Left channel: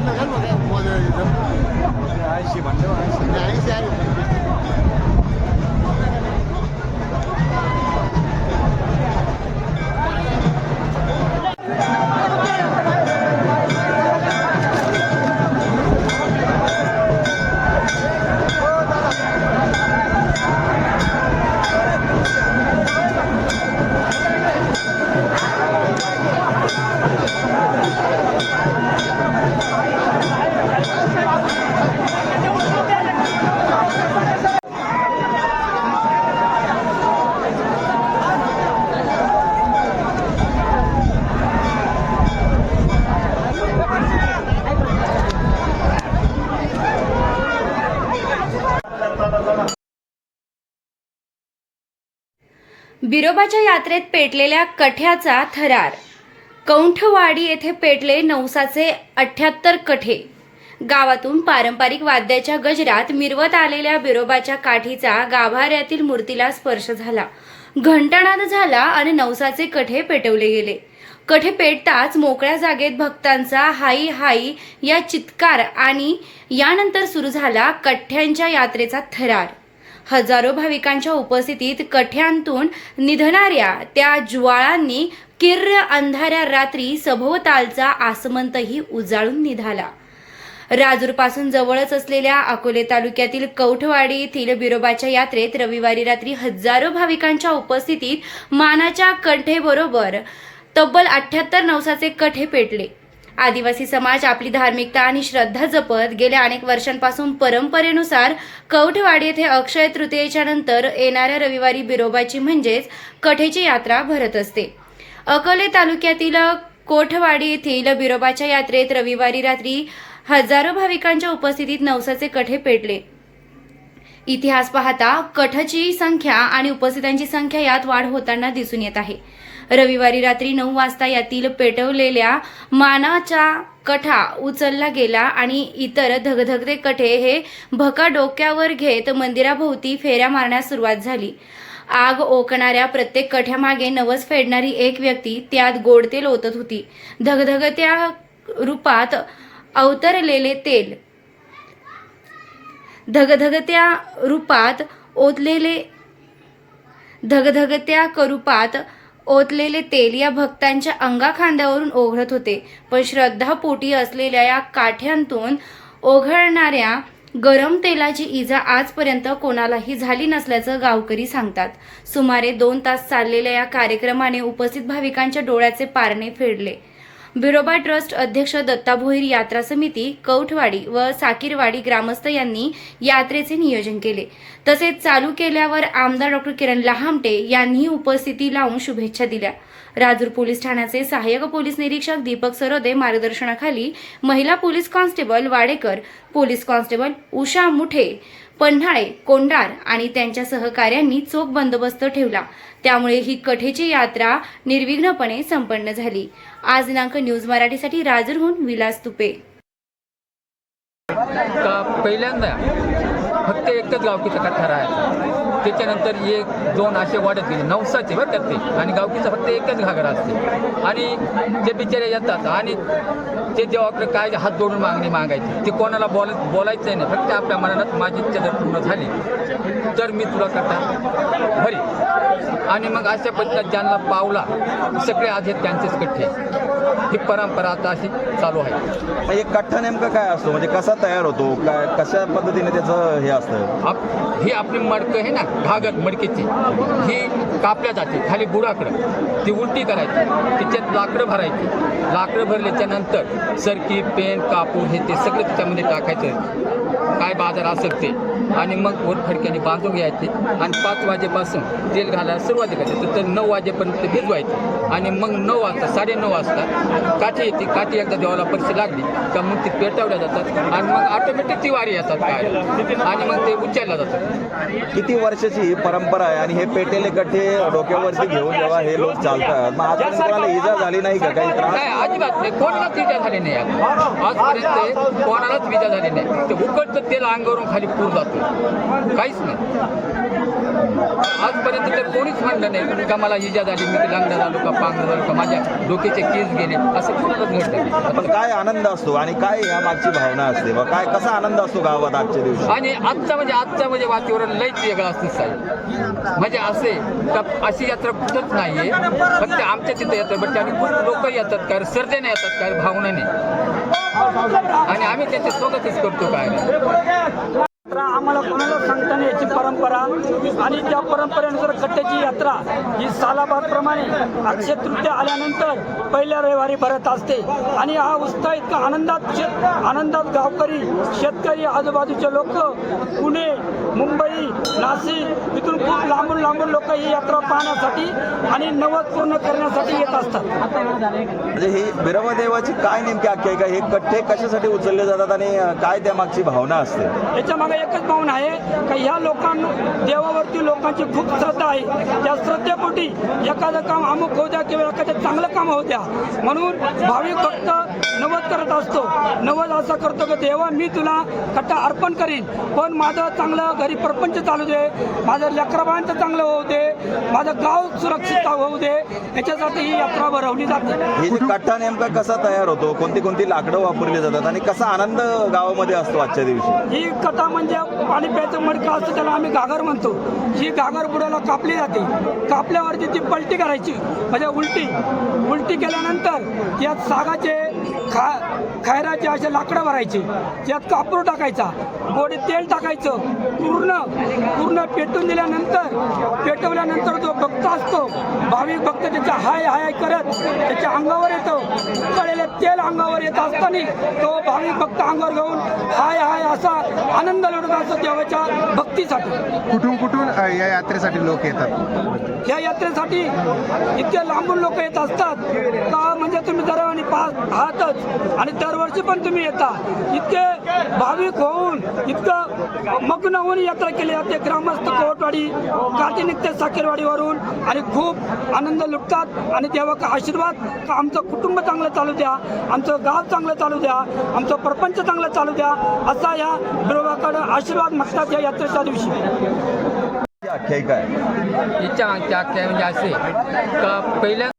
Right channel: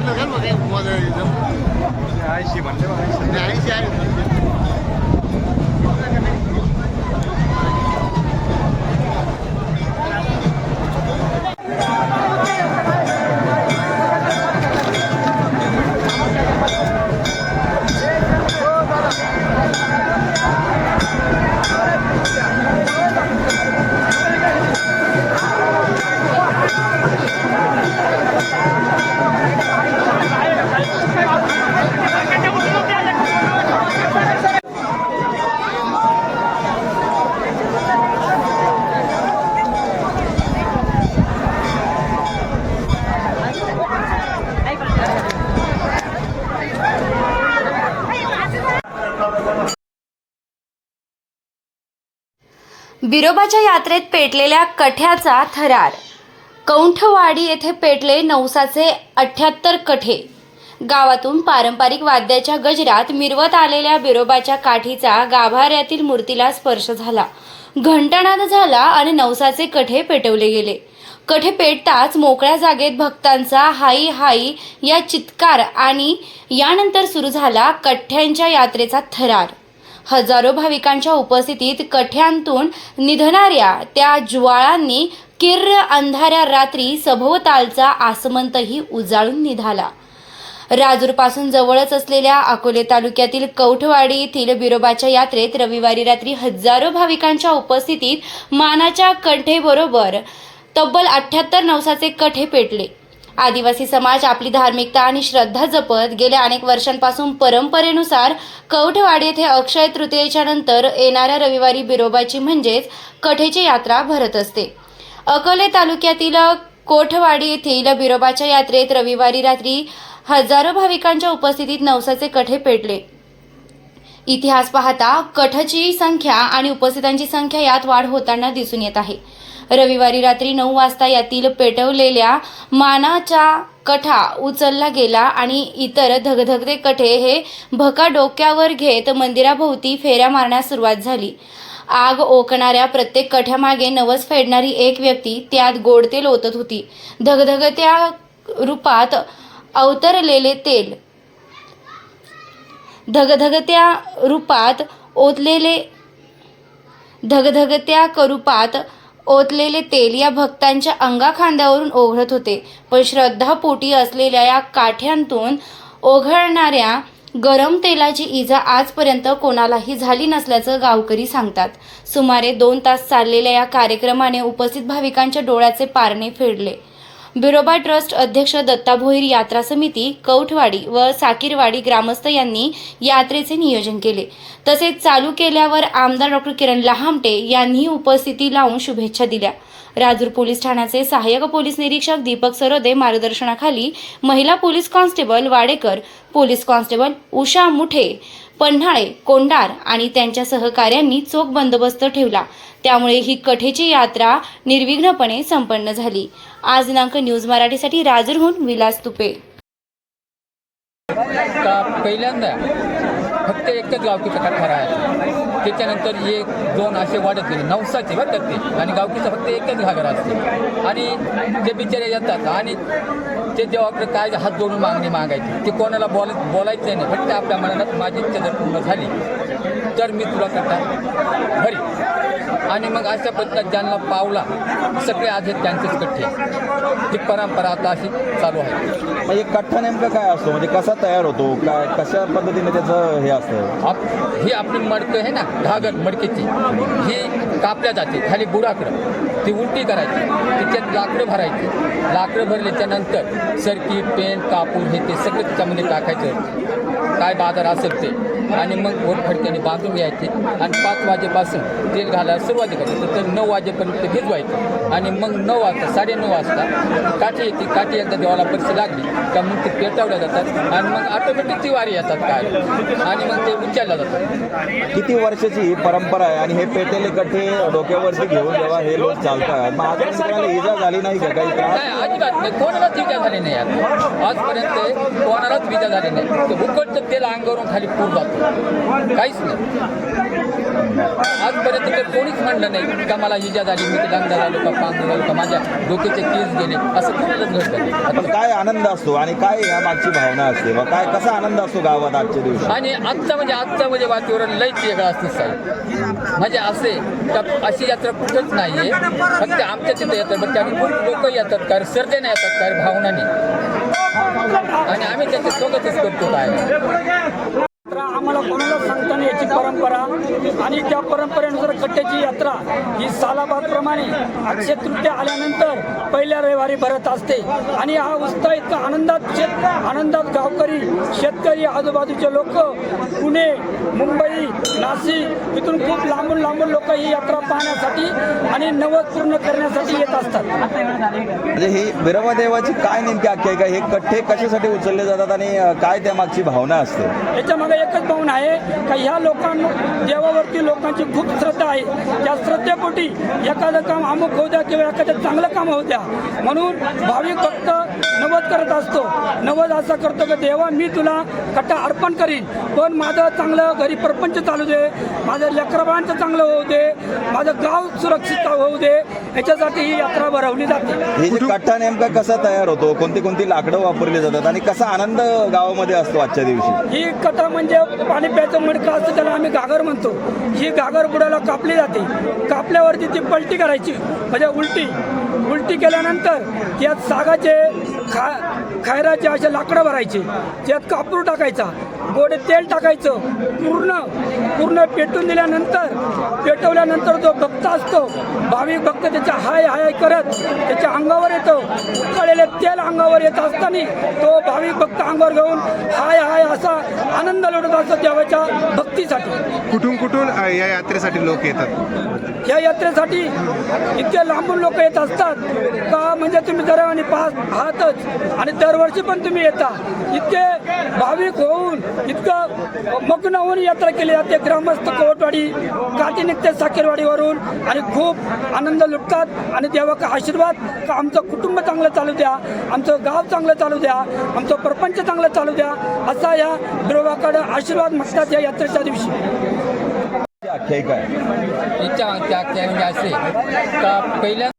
કેટલો છે ને મોજ આવી છે આઈસી. ભણશે IC IC. આવી बिरोबाच्या यात्रेत पेटलेल्या कठ्याचा थरार. कौंठवाडी येथे पेटले नवसाचे अठ्याहत्तर कठे. गावातून पारंपरिक वाद्याच्या गजरात मिरवत आलेल्या बिरोबाच्या काठीचा गाभाऱ्यातील मूर्तीला स्पर्श झाला. घंटानाद झाला आणि नवसाचे कठे पेटवले गेले. कठे पेटताच मोकळ्या जागेत भक्तांचा हाई हाई या चित्कार आणि यानंतर सुरू झाला कठ्यांच्या यात्रेचा थरार. हजारो भाविकांच्या उपस्थितीत कठ्यांतून निधणाऱ्या त्या ज्वाळांनी किर्र अंधाऱ्या रात्री सभोवतालचा आसमंतही उजाळून निघाला. राजूरपासून जवळच असलेल्या अकोले तालुक्यातील कौठवाडी येथील बिरोबाच्या यात्रेत रविवारी रात्री हजारो भाविकांच्या उपस्थितीत मानाच्या कंठेबरोबर तब्बल अठ्ठ्याहत्तर नवसाचे कठे पेटले. आदिवासी समाज आपली धार्मिकता आणि श्रद्धा जपत गेल्या अनेक वर्षांपासून परंपरेनुसार कौठवाडी येथे अक्षय तृतीयेच्या नंतर येणाऱ्या रविवारी बिरोबाची म्हणजेच कठेची यात्रा भरत असते. अकोले तालुक्यातील कोठवाडी येथील बिरोबाच्या यात्रेत रविवारी रात्री हजारो भाविकांच्या उपस्थितीत नवसाचे कठे पेटले. इतिहास पाहता कठची संख्या आणि उपस्थितांची संख्या यात वाढ होताना दिसून येत आहे. रविवारी रात्री नऊ वाजता यातील पेटवलेल्या मानाच्या कठा उचलला गेला आणि इतर धगधगते कठे हे भका डोक्यावर घेत मंदिराभोवती फेऱ्या मारण्यास सुरुवात झाली. आग ओकणाऱ्या प्रत्येक कठ्यामागे नवस फेडणारी एक व्यक्ती त्यात गोड तेल ओतत होती. धगधगत्या रूपात अवतरलेले तेल. धगधगत्या रूपात ओतलेले धगधगत्या करूपात ओतलेले तेल या भक्तांच्या अंगाखांद्यावरून ओघळत होते. पण श्रद्धापोटी असलेल्या या काठ्यांतून ओघळणाऱ्या गरम तेलाची इजा आजपर्यंत कोणालाही झाली नसल्याचं गावकरी सांगतात. सुमारे दोन तास चाललेल्या या कार्यक्रमाने उपस्थित भाविकांच्या डोळ्याचे पारणे फेडले. बिरोबा ट्रस्ट अध्यक्ष दत्ता भोईर यात्रा समिती कौठवाडी व साकीरवाडी ग्रामस्थ यांनी यात्रेचे नियोजन केले. तसेच चालू केल्यावर आमदार डॉक्टर किरण लहामटे यांनी उपस्थिती लावून शुभेच्छा दिल्या. राजूर पोलीस ठाण्याचे सहाय्यक पोलीस निरीक्षक दीपक सरोदे मार्गदर्शनाखाली महिला police constable Wadekar police constable Usha Muthe Panhale Kondar आणि त्यांच्या सहकाऱ्यांनी चोख बंदोबस्त ठेवला. त्यामुळे ही कठेची यात्रा निर्विघ्नपणे संपन्न झाली. आज दिनांक न्यूज मराठीसाठी राजूरहून विलास तुपे. का पहिल्यांदा फक्त एकच गावकीचा कथा राहायचा. त्याच्यानंतर एक दोन असे वाढत गेले. नवसाचे बरं त्यात ते. आणि गावकीचं फक्त एकच घागरा असते. आणि ते बिचारे येतात आणि ते देवाकडे काय हात जोडून मागणी मागायची. ते कोणाला बोल बोलायचं नाही. फक्त आपल्या मनात माझी इच्छा जर पूर्ण झाली तर मी तुला करता भरी. आणि मग अशा पद्धतीत ज्यांना पावला सगळे आहेत त्यांचेच कट्टे. ही परंपरा आता अशी चालू आहे. म्हणजे कठ्ठा नेमकं काय असतो? म्हणजे कसा तयार होतो? काय कशा पद्धतीने त्याचं हे असतं? आप ही आपली मडकं आहे ना घागर मडकेची. ही कापल्या जाते खाली बुडाकडं. ती उलटी करायची तिच्यात लाकडं भरायची. लाकडं भरल्याच्या नंतर सरकी पेन कापूर हे ते सगळं त्याच्यामध्ये टाकायचं. काय बाजार असेल ते. आणि मग वर फडक्याने बांधून घ्यायचे. आणि पाच वाजेपासून तेल घालायला सुरुवात करायची. तर- नऊ वाजेपर्यंत ते भिजवायचे. आणि मग नऊ वाजता साडेनऊ वाजता काठी येते. काठी एकदा देवाला परिस्थिती लागली का मग ती पेटवल्या जातात. आणि मग ऑटोमॅटिक ती वारी येतात काय? आणि मग ते उचलल्या जातात. किती वर्षाची ही परंपरा आहे? आणि हे पेटेले कट्टे डोक्यावरती घेऊन जेव्हा हे लोक चालतात मग कोणाला इजा झाली नाही का? काही नाही अजिबात नाही. कोणालाच विजा झाली नाही यात आजपर्यंत कोणालाच विजा झाली नाही. ते उकडचं तेल अंगावरून खाली पूर जातो. काहीच नाही. आजपर्यंत तर कोणीच म्हणलं नाही का मला इजा झाली मी ते लंगडा झालो का पांग झालो का माझ्या डोक्याचे केस गेले. असं कोणालाच घडलं पण नाही काय आनंद असतो आणि काय या मागची भावना असते व काय कसा आनंद असतो गावात आजच्या दिवशी? आणि आजचं म्हणजे आजचं म्हणजे वातावरण लयच वेगळं असतं साहेब म्हणजे असे का अशी यात्रा कुठंच नाही आहे फक्त आमच्या तिथे येतात बट आणि खूप लोक येतात कारण सर्जेने येतात कारण भावनाने आणि आम्ही त्याचे स्वागतच करतो काय? यात्रा आम्हाला कोणाला सांगता नाही याची परंपरा. आणि त्या परंपरेनुसार कट्ट्याची यात्रा ही सालाबादप्रमाणे अक्षय तृतीय आल्यानंतर पहिल्या रविवारी भरत असते. आणि हा उत्साह इतका आनंदात शेत आनंदात गावकरी शेतकरी आजूबाजूचे लोक पुणे मुंबई नाशिक इथून खूप लांबून लांबून लोक ही यात्रा पाहण्यासाठी आणि नवस पूर्ण करण्यासाठी येत असतात. म्हणजे ही बिरवादेवाची काय नेमकी आख्यायिका हे कट्टे कशासाठी उचलले जातात आणि काय त्या मागची भावना असते? याच्या मागे एकच भावना आहे का ह्या लोकांना देवावरती लोकांची खूप श्रद्धा आहे. त्या श्रद्धेपोटी एखादं काम अमुक होऊ द्या किंवा एखादं चांगलं काम होऊ द्या. म्हणून भाविक फक्त नवद करत असतो. नवद असं करतो की देवा मी तुला कट्टा अर्पण करीन. पण माझं चांगलं घरी प्रपंच चालू दे. माझं लेकराबाळांचं चांगलं होऊ दे. माझं गाव सुरक्षित होऊ दे. याच्यासाठी ही यात्रा भरवली जाते. हे कट्टा नेमका कसा तयार होतो? कोणती कोणती लाकडं वापरली जातात? आणि कसा आनंद गावामध्ये असतो आजच्या दिवशी? ही कथा म्हणजे पाणी प्यायचं मडकं असतं त्याला आम्ही घागर म्हणतो. ही घागर बुडाला कापली जाते. कापल्यावरती ती पलटी करायची. म्हणजे उलटी. उलटी केल्यानंतर त्यात सागाचे खा खायराचे असे लाकडं भरायचे. त्यात कापूर टाकायचा. गोडे तेल टाकायचं. पूर्ण पूर्ण पेटून दिल्यानंतर पेटवल्यानंतर जो भक्त असतो भाविक भक्त त्याच्या हाय हाय करत त्याच्या अंगावर येतो. कळलेले तेल अंगावर येत असताना तो भाविक भक्त अंगावर घेऊन हाय हाय असा आनंद लुटत असतो देवाच्या भक्तीसाठी कुठून कुठून अ, या यात्रेसाठी लोक येतात? या यात्रेसाठी इतके लांबून लोक येत असतात का? म्हणजे तुम्ही दरवानी पास आहातच आणि दरवर्षी पण तुम्ही येता. इतके भाविक होऊन इतकं मग्न होऊन यात्रा केली जाते. ग्रामस्थ कोवटवाडी काठी निघते साकेरवाडीवरून आणि खूप आनंद लुटतात आणि देवाचा आशीर्वाद का? आमचं कुटुंब चांगलं चालू द्या. आमचं गाव चांगलं चालू द्या. आमचं प्रपंच चांगलं चालू द्या. असा या देवाकडं आशीर्वाद मागतात या यात्रेच्या दिवशी. आख्यायिका आहे इच्छा मागच्या आख्या म्हणजे असे. का पहिल्या